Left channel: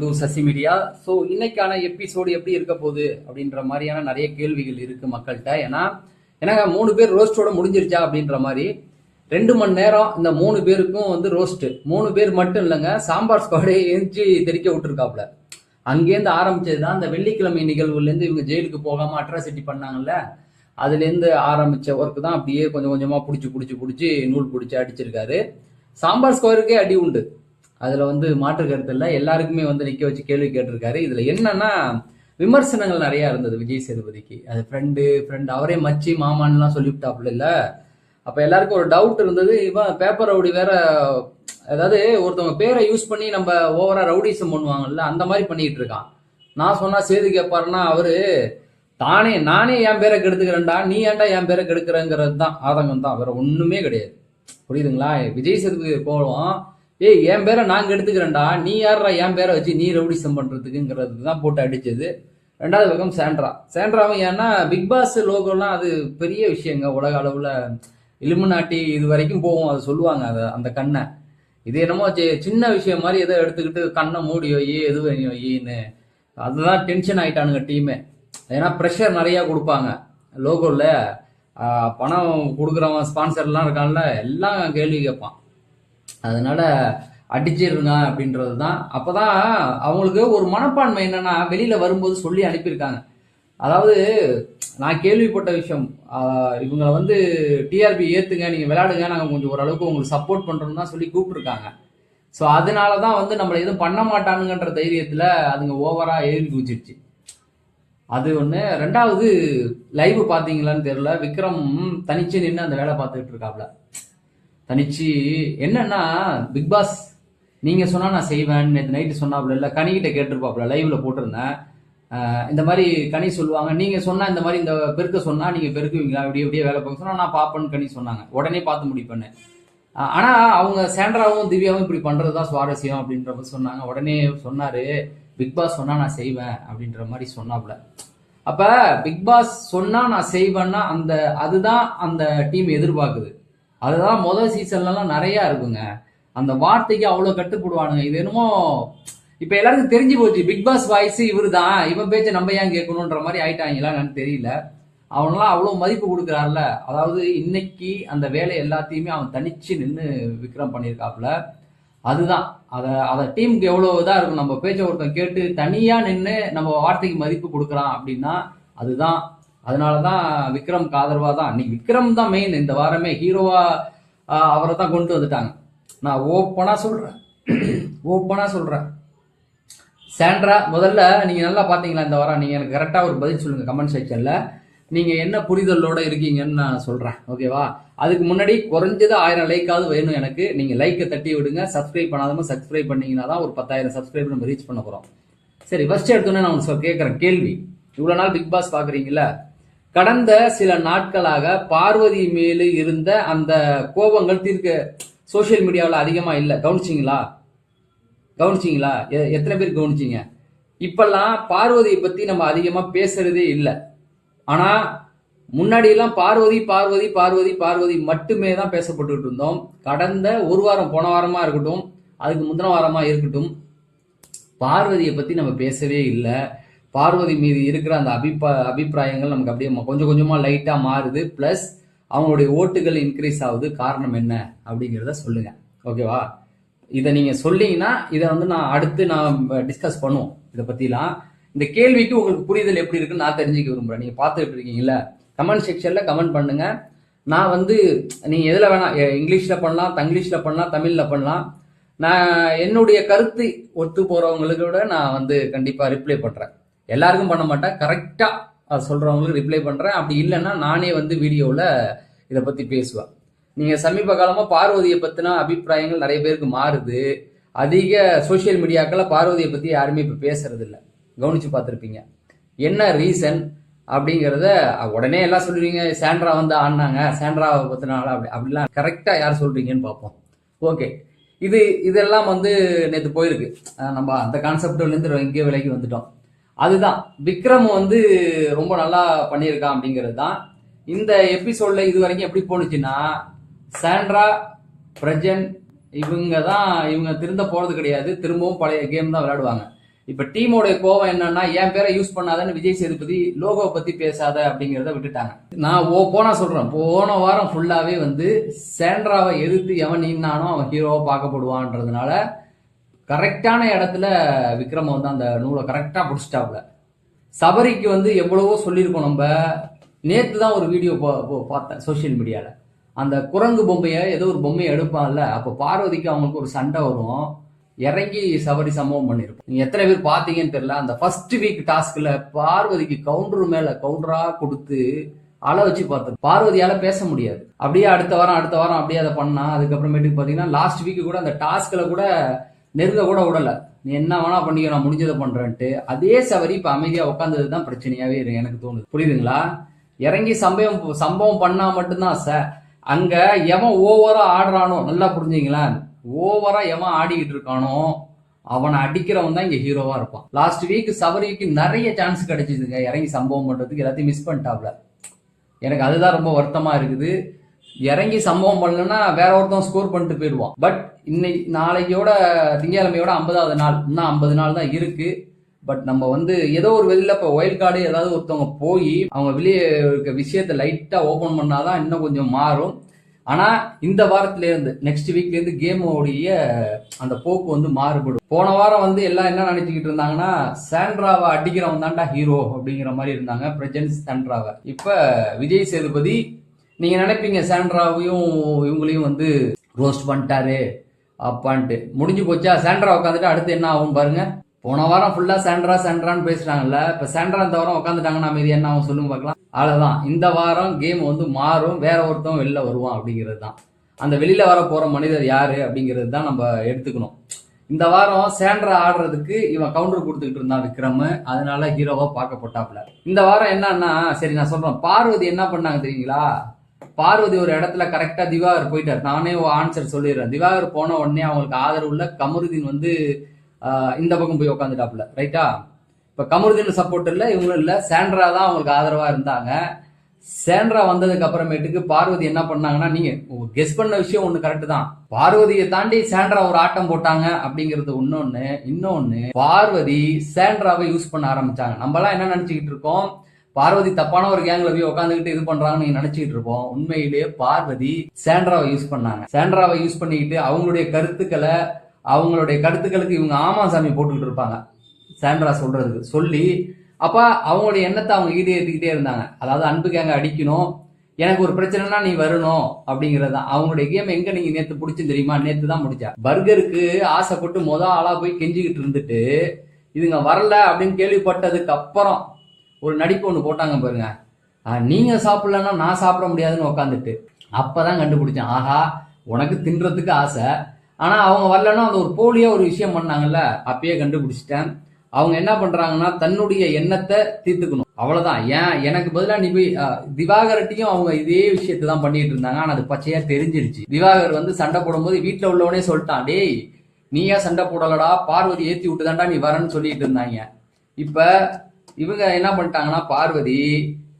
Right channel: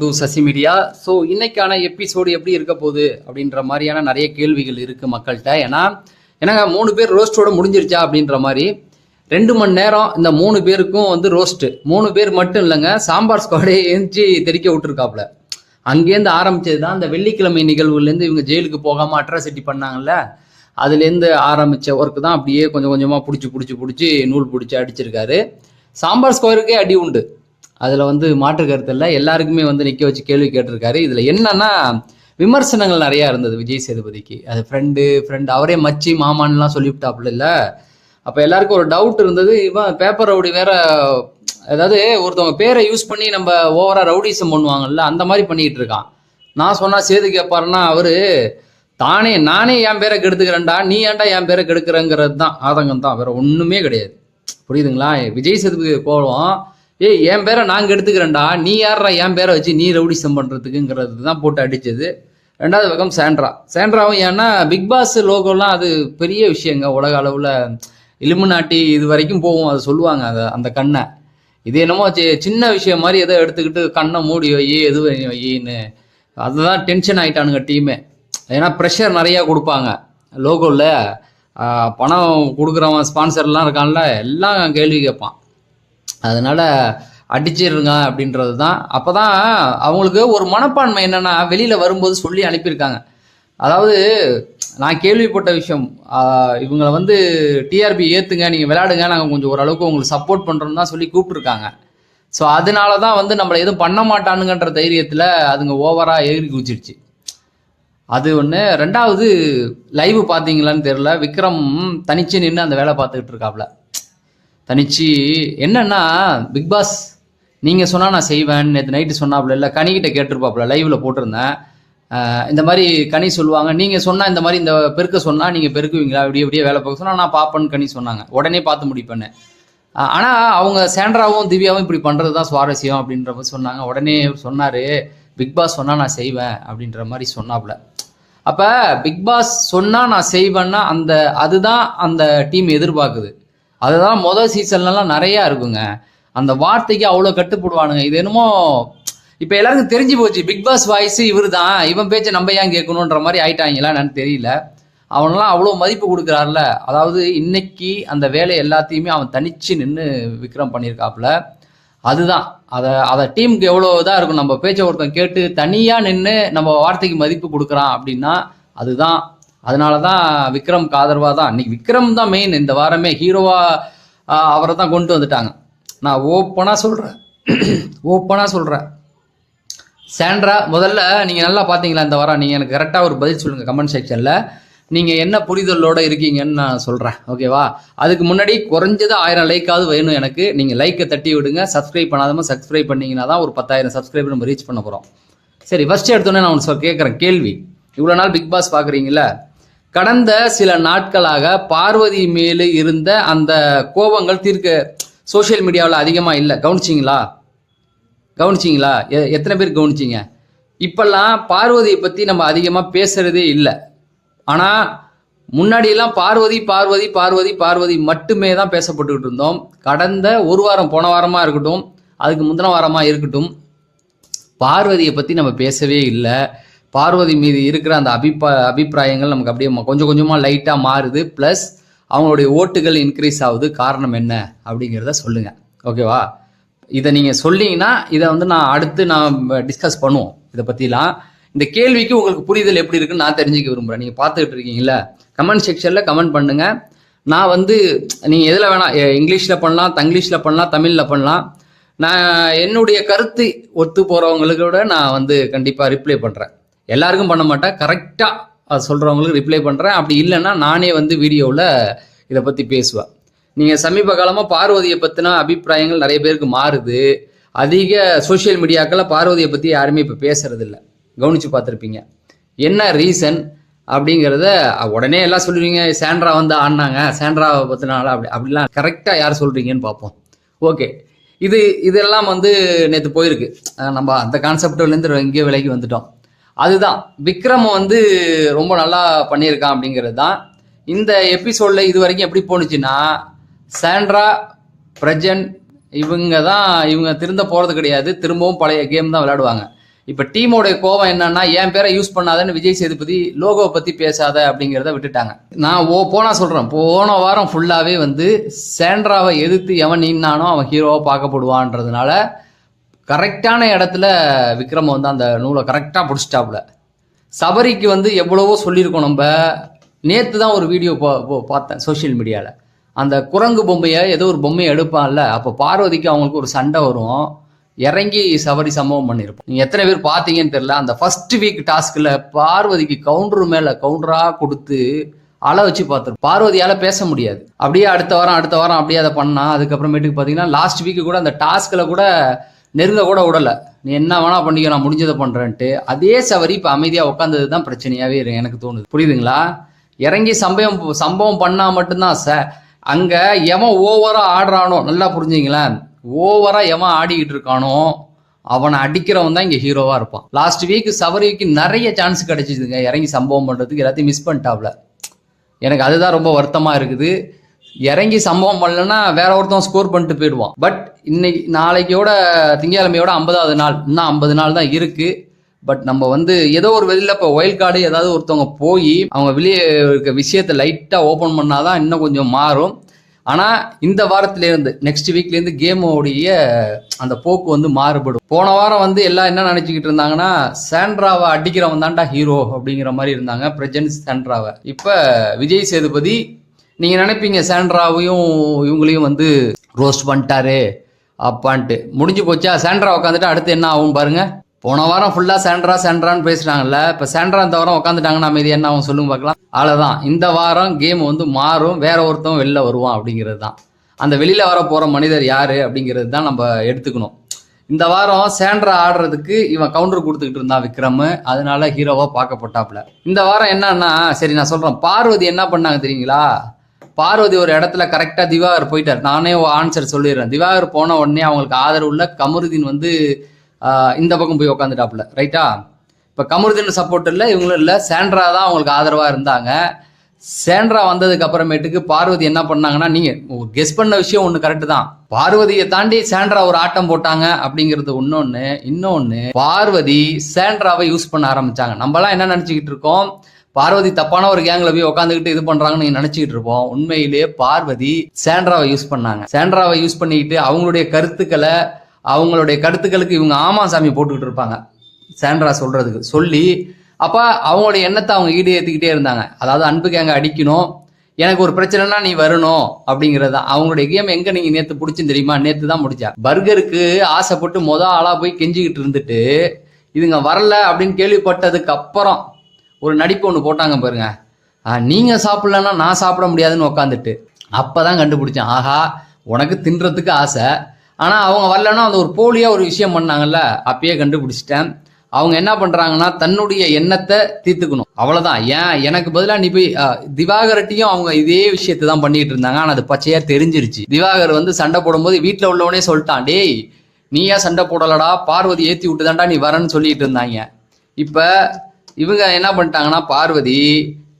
To Sasi Media. So இன்னைக்கான episode எப்படி இருக்க போகுது அப்படின்ற மாதிரியான நிறைய கேள்விகள் இருக்கு மக்கள்கிட்ட. ஏன்னா எனக்கு மூணு பேர் ரோஸ்டோட முடிஞ்சிருச்சா அப்படின்ற மாதிரி. ரெண்டு மணி நேரம் இந்த மூணு பேருக்கும் வந்து ரோஸ்ட் மூணு பேர் மட்டும் இல்லைங்க சாம்பார் ஸ்குவாடே எந்திச்சு தெறிக்க விட்டுருக்காப்புல. அங்கேருந்து ஆரம்பிச்சது தான் இந்த வெள்ளிக்கிழமை நிகழ்வுலேருந்து இவங்க ஜெயிலுக்கு போகாமல் அட்ராசிட்டி பண்ணாங்கல்ல. அதுலேருந்து ஆரம்பித்த ஒர்க் தான் அப்படியே கொஞ்சம் கொஞ்சமாக பிடிச்சி பிடிச்சி பிடிச்சி நூல் பிடிச்சி அடிச்சிருக்காரு. சாம்பார் ஸ்கொயருக்கே அடி உண்டு. அதில் வந்து மாற்று கருத்து இல்லை. எல்லாருக்குமே வந்து நிற்க வச்சு கேள்வி கேட்டிருக்காரு. இதில் என்னன்னா விமர்சனங்கள் நிறையா இருந்தது விஜய் சேதுபதிக்கு. அது ஃப்ரெண்டு ஃப்ரெண்டு அவரே மச்சி மாமான்லாம் சொல்லிவிட்டாப்புல இல்லை. அப்போ எல்லாருக்கும் ஒரு டவுட் இருந்தது. இவன் பேப்பர் ரவுடி வேற அதாவது ஒருத்தவங்க பேரை யூஸ் பண்ணி நம்ம ஓவரா ரவுடிசம் பண்ணுவாங்கல்ல அந்த மாதிரி பண்ணிட்டு இருக்கான். நான் சொன்னா சேது கேட்பாருன்னா அவரு தானே நானே என் பேரை கெடுத்துக்கிறேன்டா. நீ ஏன்டா என் பேரை கெடுக்கிறேங்கிறது தான் ஆதங்கம் தான் வேற ஒண்ணுமே கிடையாது. புரியுதுங்களா? விஜய் சேதுபதி போவோம் ஏய் என் பேரை நாங்கள் எடுத்துக்கிறேன்டா. நீ யாரா என் பேரை வச்சு நீ ரவுடிசம் பண்ணுறதுக்குங்கிறது தான் போட்டு அடித்தது ரெண்டாவது பக்கம் சாண்ட்ரா. சாண்ட்ராவும் ஏன்னா பிக் பாஸ் லோகோலாம் அது பெரிய விஷயங்க. உலக அளவில் இலுமினாட்டி இது வரைக்கும் போகும். அதை சொல்லுவாங்க அதை அந்த கண்ணை. இது என்னமோ சின்ன விஷயம் மாதிரி எதோ எடுத்துக்கிட்டு கண்ணை மூடி வை எது வை- வைன்னு அதுதான் டென்ஷன் ஆகிட்டானுங்க டீமே ஏன்னா ப்ரெஷர் நிறையா கொடுப்பாங்க. லோகோவில் பணம் கொடுக்குறவன் ஸ்பான்சர்லாம் இருக்கான்ல எல்லாம் கேள்வி கேட்பான். அதனால அடிச்சிருங்க அப்படின்றது தான் அப்போ தான் அவங்களுக்கு ஒரு மனப்பான்மை என்னன்னா வெளியில் வரும்போது சொல்லி அனுப்பியிருக்காங்க. அதாவது நான் கேள்விப்பட்ட விஷயம் இவங்களை வந்து டிஆர்பி ஏற்றுங்க நீங்கள் விளையாடுங்க நாங்கள் கொஞ்சம் ஓரளவுக்கு உங்களுக்கு சப்போர்ட் பண்ணுறோம் தான் சொல்லி கூப்பிட்ருக்காங்க ஸோ அதனால தான் வந்து நம்மளை எதுவும் பண்ண மாட்டானுங்கன்ற தைரியத்தில் அதுங்க ஓவராக ஏறி குதிச்சிடுச்சு. அது ஒன்று ரெண்டாவது லைவ் பார்த்தீங்களான்னு தெரில விக்ரம் தனிச்சு நின்று அந்த வேலை பார்த்துக்கிட்டு இருக்காப்ல. தனிச்சு என்னன்னா பிக் பாஸ் நீங்கள் சொன்னால் நான் செய்வேன். நேற்று நைட்டு சொன்னாப்புல இல்லை கனிக்கிட்ட கேட்டிருப்பாப்புல லைவ்ல போட்டிருந்தேன். இந்த மாதிரி கனி சொல்லுவாங்க. நீங்கள் சொன்னால் இந்த மாதிரி இந்த பெருக்க சொன்னால் நீங்கள் பெருக்குவீங்களா? இப்படியே இப்படியே வேலை பார்க்க சொன்னால் நான் பார்ப்பேன்னு கனி சொன்னாங்க. உடனே பார்த்து முடிப்பேன்னு. ஆனால் ஆனா அவங்க சேண்டராவும் திவ்யாவும் இப்படி பண்றது தான் சுவாரஸ்யம் அப்படின்ற மாதிரி சொன்னாங்க. உடனே சொன்னாரு பிக் பாஸ் சொன்னா நான் செய்வேன் அப்படின்ற மாதிரி சொன்னாப்புல. அப்ப பிக் பாஸ் சொன்னா நான் செய்வேன்னா அந்த அதுதான் அந்த டீம் எதிர்பார்க்குது. அதுதான் முதல் சீசன்லலாம் நிறைய இருக்குங்க. அந்த வார்த்தைக்கு அவ்வளோ கட்டுப்படுவானுங்க. இது என்னமோ இப்போ எல்லாருக்கும் தெரிஞ்சு போச்சு. பிக் பாஸ் வாய்ஸ் இவர் தான் இவன் பேச்சை நம்ம ஏன் கேட்கணுன்ற மாதிரி ஆயிட்டாங்களா என்னன்னு தெரியல. அவனெல்லாம் அவ்வளோ மதிப்பு கொடுக்குறாருல. அதாவது இன்னைக்கு அந்த வேலை எல்லாத்தையுமே அவன் தனிச்சு நின்று விக்ரம் பண்ணியிருக்காப்புல அதுதான். அதை அதை டீமுக்கு எவ்வளோ இதாக இருக்கும். நம்ம பேச்சை ஒருத்தன் கேட்டு தனியாக நின்று நம்ம வார்த்தைக்கு மதிப்பு கொடுக்குறான் அப்படின்னா அதுதான் அதனால தான் விக்ரம் காதர்வா தான். இன்னைக்கு விக்ரம் தான் மெயின் இந்த வாரமே ஹீரோவா அவரை தான் கொண்டு வந்துட்டாங்க. நான் ஓப்பனாக சொல்கிறேன் ஓப்பனாக சொல்கிறேன் சேண்ட்ரா முதல்ல நீங்கள் நல்லா பார்த்தீங்களா இந்த வாரம்? நீங்கள் எனக்கு கரெக்டாக ஒரு பதில் சொல்லுங்கள் கமெண்ட் செக்ஷனில் நீங்கள் என்ன புரிதலோட இருக்கீங்கன்னு நான் சொல்கிறேன் ஓகேவா அதுக்கு முன்னாடி குறைஞ்சது ஆயிரம் லைக்காவது வேணும் எனக்கு. நீங்கள் லைக்கை தட்டி விடுங்க. சப்ஸ்கிரைப் பண்ணாதம சப்ஸ்கிரைப் பண்ணிங்கன்னா தான் ஒரு பத்தாயிரம் சப்ஸ்கிரைபர் நம்ம ரீச் பண்ண போகிறோம் சரி ஃபர்ஸ்ட் எடுத்தோன்னே நான் ஒன்று கேட்குறேன் கேள்வி. இவ்வளோ நாள் பிக் பாஸ் பார்க்குறீங்களா கடந்த சில நாட்களாக பார்வதி மேலு இருந்த அந்த கோபங்கள் தீர்க்க சோஷியல் மீடியாவில் அதிகமாக இல்லை. கவனிச்சிங்களா? கவனிச்சிங்களா? எ- எத்தனை பேர் கவனிச்சிங்க? இப்பெல்லாம் பார்வதியை பற்றி நம்ம அதிகமாக பேசுறதே இல்லை. ஆனால் முன்னாடியெல்லாம் பார்வதி பார்வதி பார்வதி பார்வதி மட்டுமே தான் பேசப்பட்டுக்கிட்டு இருந்தோம். கடந்த ஒரு வாரம் போன வாரமாக இருக்கட்டும் அதுக்கு முந்தின வாரமாக இருக்கட்டும் பார்வதியை பற்றி நம்ம பேசவே இல்லை. பார்வதி மீது இருக்கிற அந்த அபிப்பா அபிப்பிராயங்கள் நமக்கு அப்படியே கொஞ்சம் கொஞ்சமாக லைட்டாக மாறுது. ப்ளஸ் அவங்களுடைய ஓட்டுகள் இன்க்ரீஸ் ஆகுது. காரணம் என்ன? அப்படிங்கிறத சொல்லுங்கள் ஓகேவா இதை நீங்கள் சொன்னீங்கன்னா இதை வந்து நான் அடுத்து நான் டிஸ்கஸ் பண்ணுவோம். இதை பற்றிலாம் இந்த கேள்விக்கு உங்களுக்கு புரிதல் எப்படி இருக்குன்னு நான் தெரிஞ்சுக்க விரும்புகிறேன் நீங்கள் பார்த்துக்கிட்டு இருக்கீங்களா கமெண்ட் செக்ஷனில் கமெண்ட் பண்ணுங்கள் நான் வந்து நீங்கள் எதில் வேணாம் இங்கிலீஷில் பண்ணலாம் தங்கிலீஷில் பண்ணலாம் தமிழில் பண்ணலாம். நான் என்னுடைய கருத்து ஒத்து போகிறவங்களுக்கூட நான் வந்து கண்டிப்பாக ரிப்ளை பண்ணுறேன் எல்லாருக்கும் பண்ண மாட்டேன். கரெக்டாக அது சொல்கிறவங்களுக்கு ரிப்ளை பண்ணுறேன் அப்படி இல்லைன்னா நானே வந்து வீடியோவில் இதை பற்றி பேசுவேன். நீங்கள் சமீப காலமாக பார்வதியை பற்றின அபிப்பிராயங்கள் நிறைய பேருக்கு மாறுது. அதிக சோஷியல் மீடியாக்களில் பார்வதியை பற்றி யாருமே இப்போ பேசுறதில்ல. கவனித்து பார்த்துருப்பீங்க. என்ன ரீசன் அப்படிங்கிறத உடனே எல்லாம் சொல்லுவீங்க. சாண்ட்ரா வந்து ஆடினாங்க. சாண்ட்ராவை பற்றினால அப்படி அப்படிலாம் கரெக்டாக யார் சொல்கிறீங்கன்னு பார்ப்போம். ஓகே இது இதெல்லாம் வந்து நேற்று போயிருக்கு. நம்ம அந்த கான்செப்டிலேருந்து இங்கே விலைக்கு வந்துட்டோம். அதுதான். விக்ரம் வந்து ரொம்ப நல்லா பண்ணியிருக்கான் அப்படிங்கிறது தான் இந்த எபிசோடில் இது வரைக்கும் எப்படி போணுச்சுன்னா சாண்ட்ரா பிரஜன் இவங்க தான் இவங்க திருந்த போகிறது கிடையாது. திரும்பவும் பழைய கேம் தான் விளையாடுவாங்க. இப்போ டீமோட கோவம் என்னன்னா என் பேரை யூஸ் பண்ணாதன்னு விஜய் சேதுபதி லோகோவை பற்றி பேசாத அப்படிங்கிறத விட்டுட்டாங்க. நான் ஓ போனா சொல்கிறேன் போன வாரம் ஃபுல்லாகவே வந்து சேண்ட்ராவை எதிர்த்து எவன் நின்னானோ அவன் ஹீரோவாக பார்க்கப்படுவான்றதுனால கரெக்டான இடத்துல விக்ரம் வந்து அந்த நூலை கரெக்டாக பிடிச்சிட்டாப்புல சபரிக்கு வந்து எவ்வளவோ சொல்லியிருக்கோம் நம்ம. நேற்று தான் ஒரு வீடியோ பார்த்தேன் சோஷியல் மீடியாவில் அந்த குரங்கு பொம்மையை ஏதோ ஒரு பொம்மையை எடுப்பான்ல. அப்போ பார்வதிக்கு அவங்களுக்கு ஒரு சண்டை வரும். இறங்கி சபரி சம்பவம் பண்ணியிருப்போம். நீங்கள் எத்தனை பேர் பார்த்தீங்கன்னு தெரில அந்த ஃபர்ஸ்ட் வீக் டாஸ்கில் பார்வதிக்கு கவுண்டர் மேலே கவுண்டராக கொடுத்து அழ வச்சு பார்த்துருப்போம். பார்வதியால் பேச முடியாது. அப்படியே அடுத்த வாரம் அடுத்த வாரம் அப்படியே அதை பண்ணால் அதுக்கப்புறமேட்டுக்கு பார்த்தீங்கன்னா லாஸ்ட் வீக்கு கூட அந்த டாஸ்கில் கூட நெருங்க கூட விடலை. நீ என்ன வேணா பண்ணிக்க நான் முடிஞ்சதை பண்றேன்ட்டு. அதே சவரி இப்போ அமைதியாக உட்காந்தது தான் பிரச்சனையாகவே இருக்கு எனக்கு தோணுது. புரியுதுங்களா? இறங்கி சம்பவம் சம்பவம் பண்ணால் மட்டும்தான் சார் அங்கே எவன் ஓவராக ஆடுறானோ நல்லா புரிஞ்சுங்களேன். ஓவராக எவன் ஆடிக்கிட்டு இருக்கானோ அவனை அடிக்கிறவன் தான் இங்கே ஹீரோவாக இருப்பான். லாஸ்ட் வீக் சவரிக்கு நிறைய சான்ஸ் கிடைச்சிதுங்க. இறங்கி சம்பவம் பண்ணுறதுக்கு எல்லாத்தையும் மிஸ் பண்ணிட்டாப்ல. எனக்கு அதுதான் ரொம்ப வருத்தமாக இருக்குது. இறங்கி சம்பவம் பண்ணலன்னா வேற ஒருத்தவன் ஸ்கோர் பண்ணிட்டு போயிடுவான். பட் இன்னைக்கு நாளைக்கோட திங்கக்கிழமையோட ஐம்பதாவது நாள். இன்னும் ஐம்பது நாள் தான் இருக்கு. பட் நம்ம வந்து ஏதோ ஒரு வெளியில இப்போ ஒயில் கார்டு ஏதாவது ஒருத்தவங்க போய் அவங்க வெளியே இருக்க விஷயத்தை லைட்டாக ஓப்பன் பண்ணாதான் இன்னும் கொஞ்சம் மாறும். ஆனால் இந்த வாரத்திலேருந்து நெக்ஸ்ட் வீக்லேருந்து கேமோடைய அந்த போக்கு வந்து மாறுபடும். போன வாரம் வந்து எல்லாம் என்ன நினச்சிக்கிட்டு இருந்தாங்கன்னா சாண்ட்ராவை அடிக்கிறவன் தான்டா ஹீரோ அப்படிங்கிற மாதிரி இருந்தாங்க. பிரஜன்ஸ் சாண்ட்ராவை. இப்போ விஜய் சேதுபதி நீங்க நினைப்பீங்க சாண்ட்ராவையும் இவங்களையும் வந்து ரோஸ்ட் பண்ணிட்டாரு அப்பான்ட்டு. முடிஞ்சு போச்சா? சாண்ட்ரா உட்காந்துட்டு அடுத்து என்ன ஆகும் பாருங்க. போன வாரம் ஃபுல்லா சாண்ட்ரா சாண்ட்ரான்னு பேசுறாங்கல்ல இப்ப சாண்ட்ரா இந்த வாரம் உட்காந்துட்டாங்கன்னா அமைதி என்ன ஆகும் சொல்லுங்க பார்க்கலாம். அவ்வளவுதான். இந்த வாரம் கேம் வந்து மாறும் வேற ஒருத்தன் வெளில வருவான் அப்படிங்கிறது தான். அந்த வெளியில வர போற மனிதர் யாரு அப்படிங்கிறது தான் நம்ம எடுத்துக்கணும். இந்த வாரம் சேண்ட்ரா ஆடுறதுக்கு இவன் கவுண்டர் கொடுத்துக்கிட்டு இருந்தான் விக்ரம். அதனால ஹீரோவா பார்க்கப்பட்டாப்ல இந்த வாரம் என்னன்னா சரி நான் சொல்றேன். பார்வதி என்ன பண்ணாங்க தெரியுங்களா? பார்வதி ஒரு இடத்துல கரெக்டா திவாகர் போயிட்டார். நானே ஆன்சர் சொல்லிடுறேன். திவாகர் போன உடனே அவங்களுக்கு ஆதரவு உள்ள கமருதீன் வந்து இந்த பக்கம் போய் உட்காந்துட்டாப்புல ரைட்டா இப்போ கமருதீன் சப்போர்ட் இல்லை இவங்களும் இல்லை. சேண்ட்ரா தான் அவங்களுக்கு ஆதரவாக இருந்தாங்க. சேண்ட்ரா வந்ததுக்கு அப்புறமேட்டுக்கு பார்வதி என்ன பண்ணாங்கன்னா நீங்க கெஸ் பண்ண விஷயம் ஒண்ணு கரெக்ட் தான். பார்வதியை தாண்டி சேண்ட்ரா ஒரு ஆட்டம் போட்டாங்க அப்படிங்கிறது இன்னொன்னு இன்னொன்னு பார்வதி சேண்ட்ராவை யூஸ் பண்ண ஆரம்பிச்சாங்க. நம்மலாம் என்ன நினைச்சுக்கிட்டு இருக்கோம்? பார்வதி தப்பான ஒரு கேங்ல போய் உட்காந்துக்கிட்டு இது பண்றாங்கன்னு நீங்க நினைச்சுக்கிட்டு இருப்போம். உண்மையிலேயே பார்வதி சேண்ட்ராவை யூஸ் பண்ணாங்க. சேண்ட்ராவை யூஸ் பண்ணிக்கிட்டு அவங்களுடைய கருத்துக்களை அவங்களுடைய கருத்துக்களுக்கு இவங்க ஆமா சாமி போட்டுக்கிட்டு இருப்பாங்க. சேண்ட்ரா சொல்றதுக்கு சொல்லி அப்ப அவங்களுடைய எண்ணத்தை அவங்க ஈடேற்றிக்கிட்டே இருந்தாங்க. அதாவது அன்பு கேங்க அடிக்கணும். எனக்கு ஒரு பிரச்சனைனா நீ வரணும் அப்படிங்கிறது தான். அவங்களுடைய கேம் எங்க நீங்க நேத்து பிடிச்சுன்னு தெரியுமா? நேத்து தான் முடிச்சா. பர்கருக்கு ஆசைப்பட்டு மொதல் ஆளா போய் கெஞ்சிக்கிட்டு இருந்துட்டு இதுங்க வரல அப்படின்னு கேள்விப்பட்டதுக்கு அப்புறம் ஒரு நடிப்பு ஒன்று போட்டாங்க பாருங்க. நீங்கள் நீங்க சாப்பிடலன்னா நான் சாப்பிட முடியாதுன்னு உட்காந்துட்டு அப்பதான் கண்டுபிடிச்சேன். ஆஹா உனக்கு தின்றதுக்கு ஆசை. ஆனா அவங்க வரலன்னா அந்த ஒரு போலியா ஒரு விஷயம் பண்ணாங்கல்ல. அப்பயே கண்டுபிடிச்சிட்டேன். அவங்க என்ன பண்றாங்கன்னா தன்னுடைய எண்ணத்தை தீர்த்துக்கணும். அவ்வளவுதான். ஏன்? எனக்கு பதிலா நீ போய் திவாகரட்டியும் அவங்க இதே விஷயத்தை தான் பண்ணிட்டு இருந்தாங்க. ஆனா அது பச்சையா தெரிஞ்சிருச்சு. திவாகர் வந்து சண்டை போடும்போது வீட்டுல உள்ளவனே சொல்லிட்டான் டேய் நீ ஏன் சண்டை போடலடா? பார்வதி ஏத்தி விட்டுதான்டா நீ வரேன்னு சொல்லிட்டு இருந்தாங்க. இப்போ இவங்க என்ன பண்ணிட்டாங்கன்னா பார்வதி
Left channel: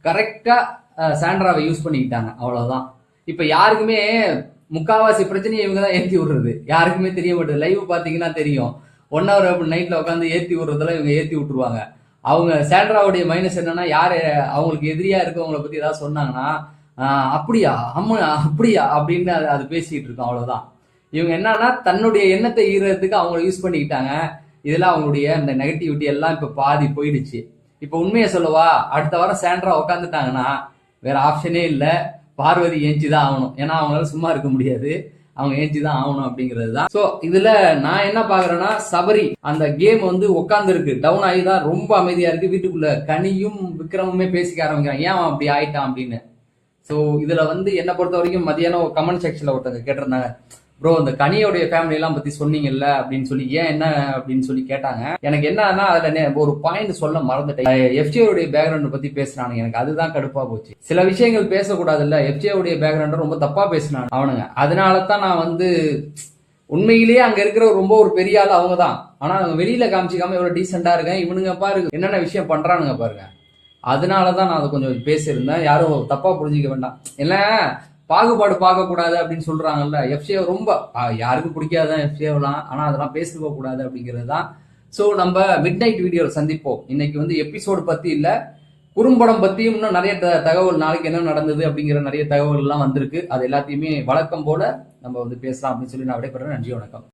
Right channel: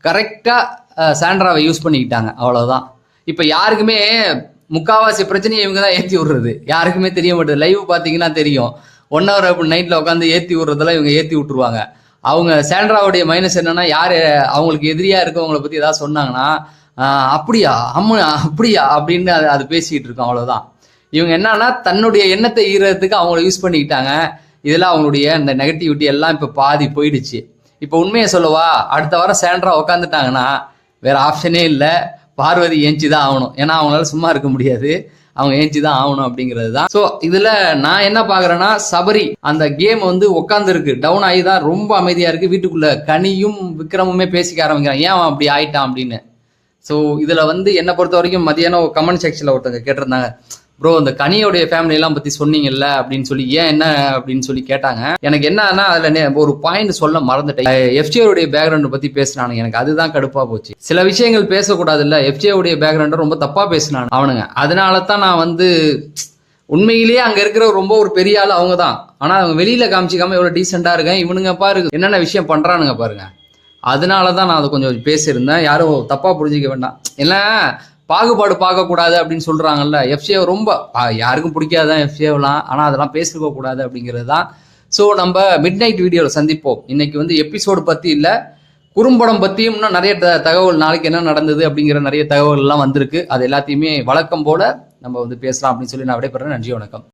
கரெக்டாக சாண்ட்ராவை யூஸ் பண்ணிக்கிட்டாங்க. அவ்வளோதான் இப்போ யாருக்குமே முக்காவாசி பிரச்சனையை இவங்க தான் ஏற்றி விடுறது. யாருக்குமே தெரிய மாட்டேது லைவ் பார்த்தீங்கன்னா தெரியும். ஒன் ஹவர் அப்படி நைட்டில் உட்காந்து ஏற்றி விடுறதெல்லாம் இவங்க ஏற்றி விட்டுருவாங்க. அவங்க சாண்ட்ராவுடைய மைனஸ் என்னன்னா யார் அவங்களுக்கு எதிரியாக இருக்கவங்களை பற்றி ஏதாவது சொன்னாங்கன்னா அப்படியா? அம்மு அப்படியா? அப்படின்னு அது அது பேசிக்கிட்டு இருக்கோம். அவ்வளோதான் இவங்க என்னன்னா தன்னுடைய எண்ணத்தை ஈரத்துக்கு அவங்கள யூஸ் பண்ணிக்கிட்டாங்க. இதெல்லாம் அவங்களுடைய இந்த நெகட்டிவிட்டி எல்லாம் இப்போ பாதி போயிடுச்சு. இப்போ உண்மையை சொல்லவா? அடுத்த வாரம் சேண்டரா உட்காந்துட்டாங்கன்னா வேற ஆப்ஷனே இல்லை. பார்வதி ஏஞ்சி தான் ஆகணும். ஏன்னா அவங்களால சும்மா இருக்க முடியாது. அவங்க ஏஞ்சி தான் ஆகணும் அப்படிங்கிறது தான் ஸோ இதுல நான் என்ன பாக்குறேன்னா சபரி அந்த கேம் வந்து உட்காந்துருக்கு டவுன் ஆகி தான் ரொம்ப அமைதியா இருக்கு. வீட்டுக்குள்ள கனியும் விக்ரமுமே பேசிக்க ஆரம்பிக்கிறான் ஏன் அவன் அப்படி ஆயிட்டான் அப்படின்னு? ஸோ இதுல வந்து என்னை பொறுத்த வரைக்கும் மதியானம் கமெண்ட் செக்ஷன்ல ஒருத்தங்க கேட்டிருந்தாங்க. ப்ரோ அந்த கனியோடைய ஃபேமிலி எல்லாம் பத்தி சொன்னீங்கல்ல அப்படின்னு சொல்லி ஏன் என்ன அப்படின்னு சொல்லி கேட்டாங்க. எனக்கு என்னன்னா அதுல ஒரு பாயிண்ட் சொல்ல மறந்துட்டேன். எஃப்ஜேவுடைய பேக்ரவுண்ட் பத்தி பேசினானு எனக்கு அதுதான் கடுப்பா போச்சு. சில விஷயங்கள் பேசக்கூடாது இல்ல எஃப்ஜேவுடைய பேக்ரவுண்ட் ரொம்ப தப்பா பேசினானு அவனுங்க. அதனால தான் நான் வந்து உண்மையிலேயே அங்க இருக்கிற ரொம்ப ஒரு பெரிய ஆள் அவங்க தான் ஆனா அவங்க வெளியில காமிச்சிக்காம இவ்வளவு டீசெண்டா இருக்கேன் இவனுங்க பாருங்க என்னென்ன விஷயம் பண்றானுங்க பாருங்க. அதனால தான் நான் அதை கொஞ்சம் பேசியிருந்தேன். யாரும் தப்பா புரிஞ்சிக்க வேண்டாம். இல்லை பாகுபாடு பார்க்கக்கூடாது அப்படின்னு சொல்றாங்கல்ல. எஃப்சிஏ ரொம்ப யாருக்கும் பிடிக்காதான் எஃப்சிஏலாம் ஆனால் அதெல்லாம் பேசிருக்க கூடாது அப்படிங்கிறது தான் ஸோ நம்ம மிட் நைட் வீடியோவில் சந்திப்போம். இன்னைக்கு வந்து எபிசோடு பற்றி இல்லை. குறும்படம் பற்றியும் இன்னும் நிறைய த- தகவல் நாளைக்கு என்ன நடந்தது அப்படிங்கிற நிறைய தகவல்கள்லாம் வந்திருக்கு. அது எல்லாத்தையுமே வழக்கம் போல நம்ம வந்து பேசலாம் அப்படின்னு சொல்லி நான் விடைபெறேன் நன்றி வணக்கம்.